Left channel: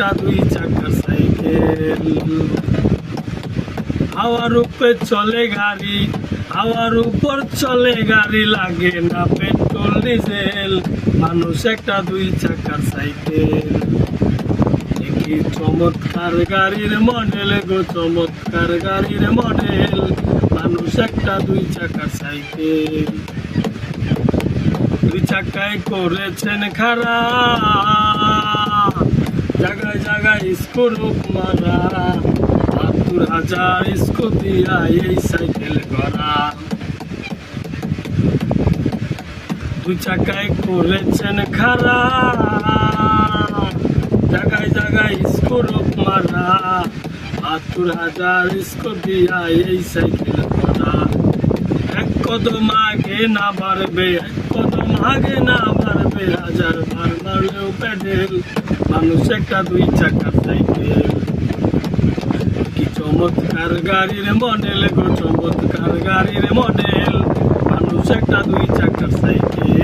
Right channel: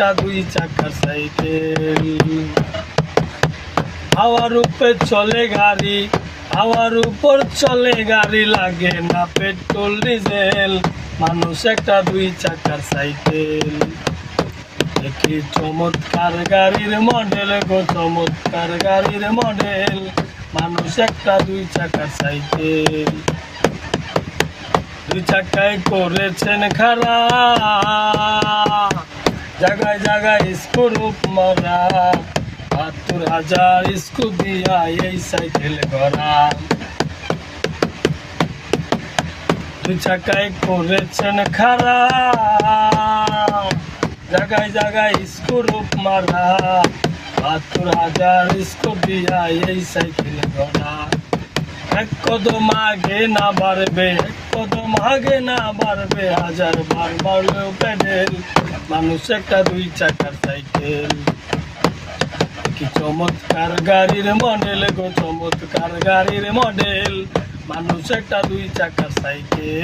একটা দুই চাকার সাইকেল। হাওয়ার উপরে চলে গাড়ি, হাওয়ার উপর চলে গাড়ি, লাগে না পেট্রোল ডিজেল, মানুষ একটা দুই চাকার সাইকেল। কি চমৎকার গাড়ির মডেল গো, চমৎকার গাড়ির মডেল, মানুষ একটা দুই চাকার সাইকেল। দুই চাকায় করেছেন খাড়া, জায়গায় জায়গায় স্ক্রুপ মারা, ৭২,০০০ স্ক্রু দিয়া এই সাইকেল গড়া। দুই চাকায় করেছেন খাড়া, জায়গায় জায়গায় স্ক্রুপ মারা, ৭২,০০০ স্ক্রু দিয়া এই সাইকেল গড়া। এক কদম আগে না বাড়বে, এক কদম আগে না বাড়বে, ১০০০ বার মারলেও প্যাডেল, মানুষ একটা দুই চাকার সাইকেল। কি চমৎকার গাড়ির মডেল গো, চমৎকার গাড়ির মডেল, মানুষ একটা দুই চাকার সাইকেল।